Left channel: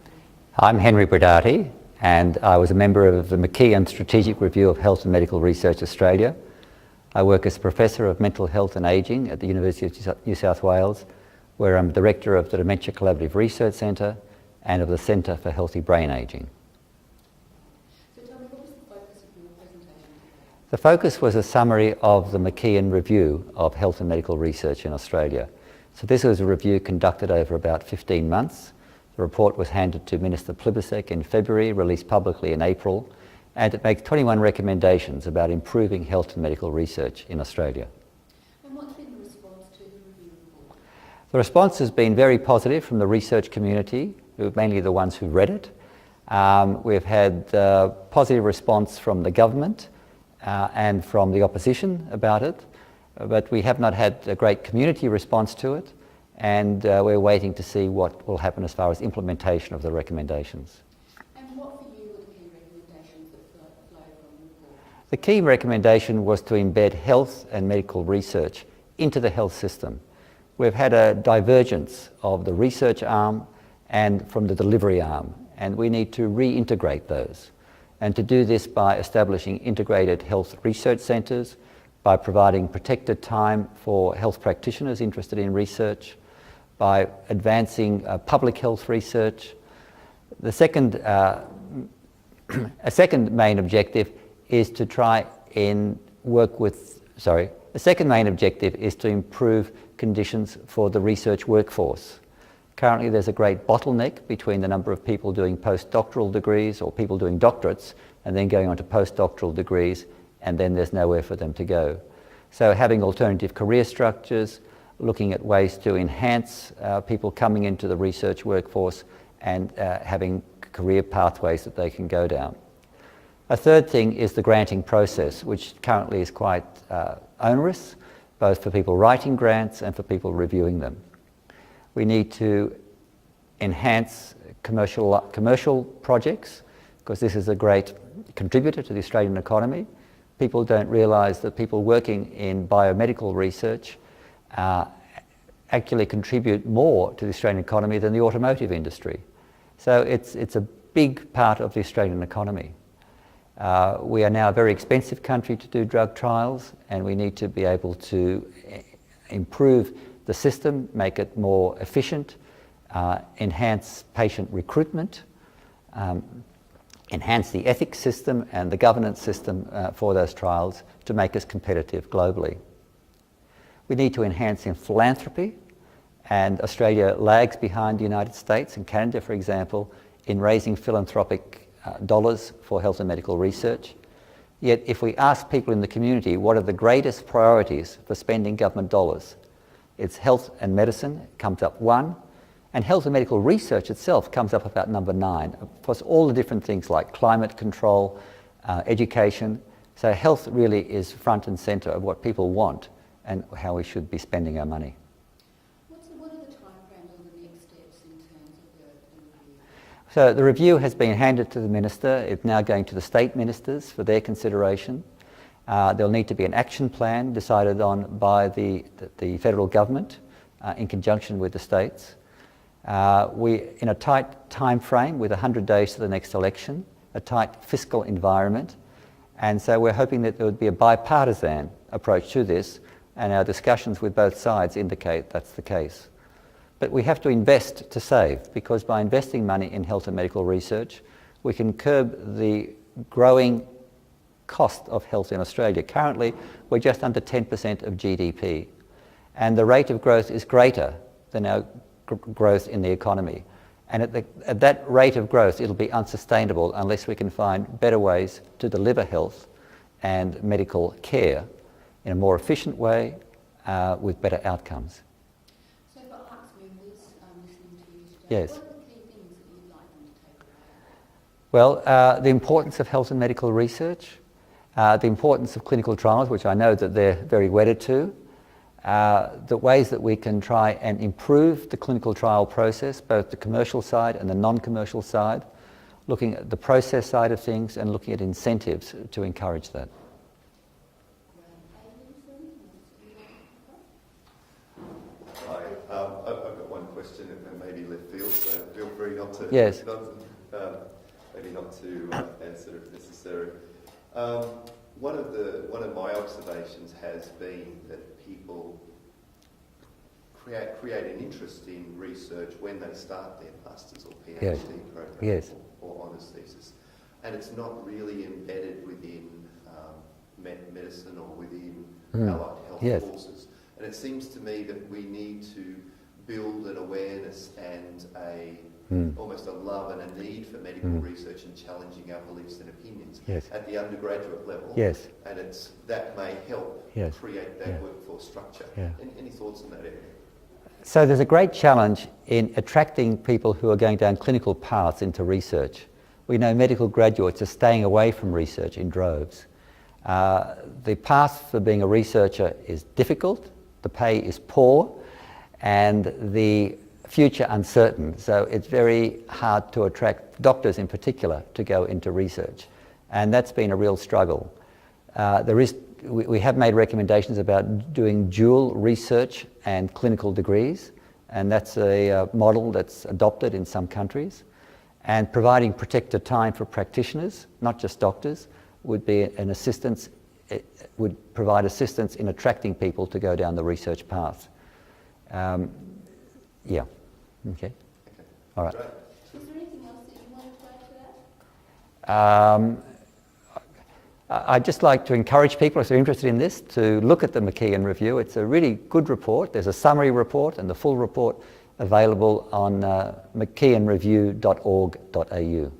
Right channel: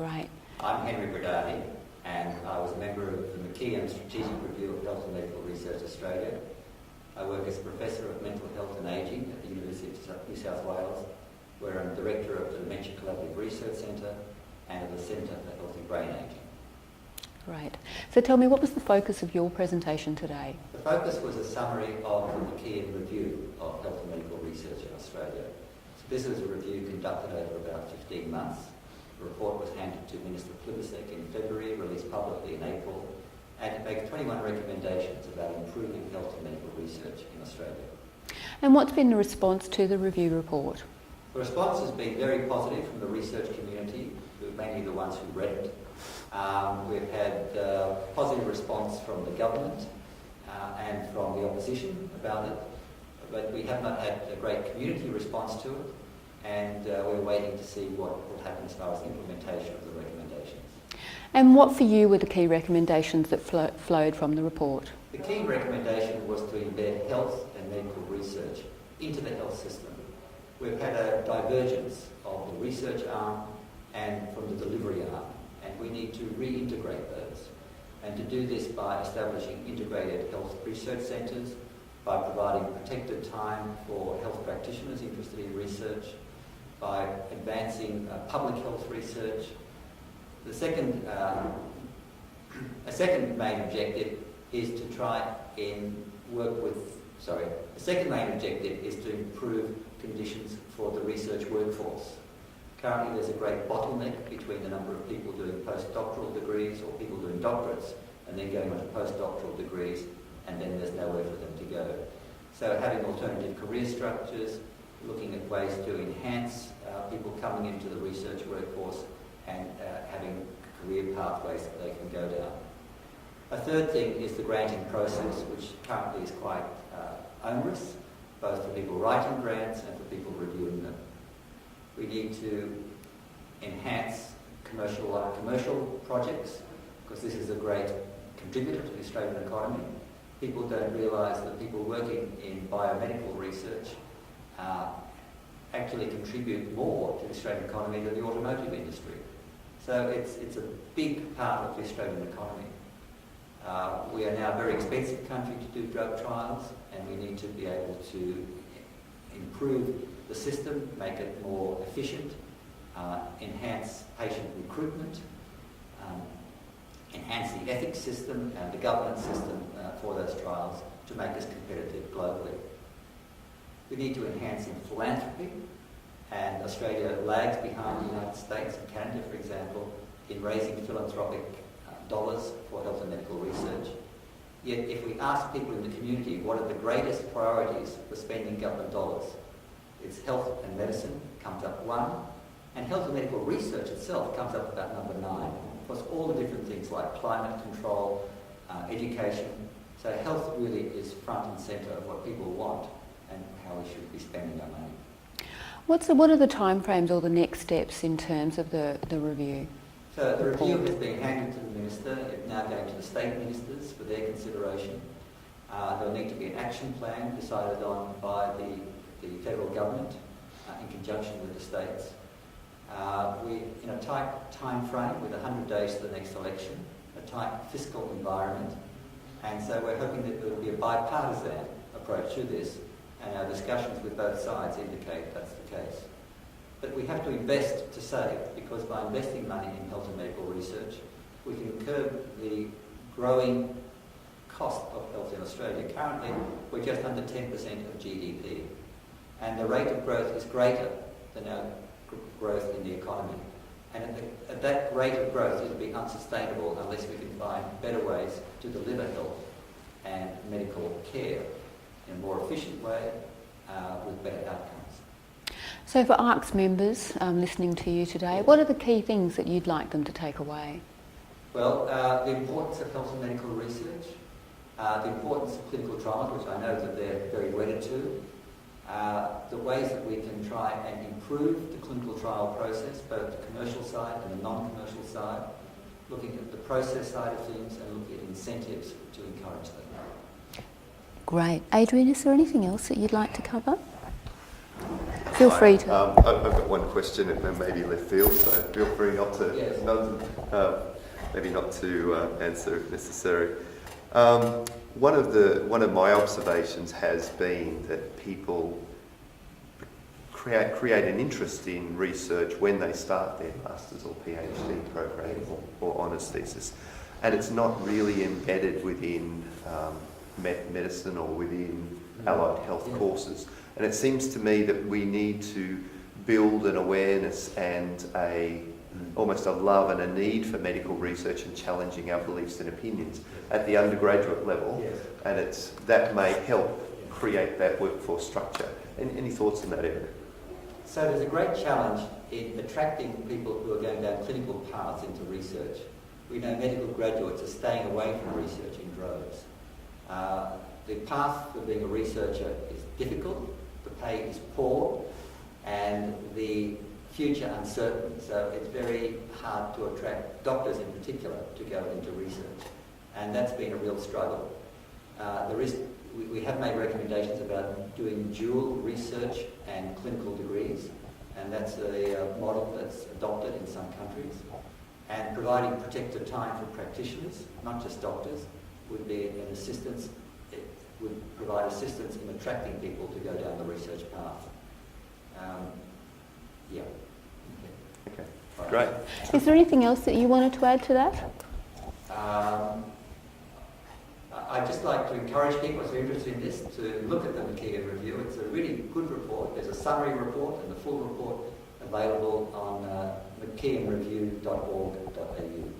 Great. I'm Henry Brodaty, and I was a member of the Mckeon Strategic Review of Health and Medical Research Australia. I work as Professor of Mental Health and Ageing at the University of New South Wales, where I'm Director of the Dementia Collaborative Research Centre and of the Centre for Healthy Brain Ageing. Great. So tell me, what was the focus of your presentation today? The focus was a summary of the Mckeon Review of Health and Medical Research in Australia. So this was a review conducted over about 15 months. The report was handed to Minister Plibersek in February, released publicly in April, and it makes 21 recommendations about improving health and medical research in Australia. And what's been the response to the review report? The response has been very positive from the research community, who are mainly the ones who read it. We've had positive response from the government and from the opposition about it, but we have not had a great community response to it, and we're waiting to see what will happen as far as implementation of the recommendations. And what for you were the key recommendations that flowed from the report? The key recommendation was to embed health and medical research into the health system. We've had a divergence of the research arm and from the delivery arm, and we need to reintegrate those. And to do this by establishing integrated health research centres, by providing protected time for health practitioners interested in research, by advancing public health research. The second, a second main objective is to try and the second main objective is to improve conditions for the research workforce. Currently there's a great bottleneck between the number of people doing postdoctoral degrees or people doing doctorates and then going on to postdoctoral degrees, and then there's nowhere for them to go. So having alternative career structures, looking at ways to enhance people coming into the research workforce and having career pathways that they can go down. A third thing is the granting process, which currently is quite onerous, both for people writing grants and for people reviewing them. We need to enhance commercial projects, because this is a great contributor to the Australian economy. People don't realise that people working in biomedical research actually contribute more to the Australian economy than the automotive industry. So it's a big part of the Australian economy. We are now a very expensive country to do drug trials, and we need to be able to improve the system, make it more efficient, enhance patient recruitment, enhance the ethics system and the governance system for those trials to make us competitive globally. We need to enhance in philanthropy, and Australia lags behind the United States and Canada, for example, in raising philanthropic dollars for health and medical research. Yet if we ask people in the community what are the greatest priorities for spending government dollars, it's health and medicine comes up 1, and health and medical research itself comes up about number 9. Of course, all the different things like climate control, education. So health really is front and centre of what people want and how we should be spending our money. What are the timeframes or the next steps in terms of the review? So the review has been handed to the Minister. It's now going to the state ministers for their consideration. There'll need to be an action plan decided on by the federal government in conjunction with the states. We in a tight time frame with 100 days to the next election, a tight fiscal environment, and so we're hoping that there would be a bipartisan approach to this, and our discussions with both sides indicate that's the case. But we have to invest to save, because by investing money in health and medical research, we can curb the growing cost of health in Australia. Currently, we're just under 10% of GDP, and the rate of growth is greater than our growth in the economy. And at that rate of growth, it'll be unsustainable unless we can find better ways to deliver health and medical care in a more efficient way with better outcomes. So for ARC's members listening to you today, yes. What are the key things that you'd like them to take away? Well, the importance of health and medical research, the importance of clinical trials, which I know that they're very wedded to, the ways that we can try and improve the clinical trial process, both the commercial side and the non-commercial side, looking at the process side of things and looking at incentives to encourage that. Great. Adrian, is there anything else that you'd like to cover? Feel free to. I've got one question, and maybe left field, so feel free not to. Yes. Maybe not to answer if necessary. One of my observations has been that people create an interest in research when they start their master's or PhD program or honours thesis, and it's not really embedded within medicine or within allied health courses. And it seems to me that we need to build an awareness and almost a love and a need for medical research and challenging our beliefs and opinions at the undergraduate level. And that may help create that workforce structure. Any thoughts in that area? So there's a great challenge in attracting people who are going down clinical paths into research. We know medical graduates are staying away from research in droves. The path for being a researcher is difficult, the pay is poor, and the future uncertain. So it's very hard to attract doctors in particular to go into research. And that's been a real struggle. We have made recommendations about doing dual research and clinical degrees, and that's a model that's adopted in some countries. And providing protected time for practitioners, not just doctors, would be an assistance. It would provide assistance in attracting people to go down the research path. Okay. All right. Great. Is there anything else that you wanted to add to that? I'd just like to encourage people, if they're interested in this, to look at the Mckeon review. It's a really good report. There's a summary report and the full report available on mckeonreview.org.au.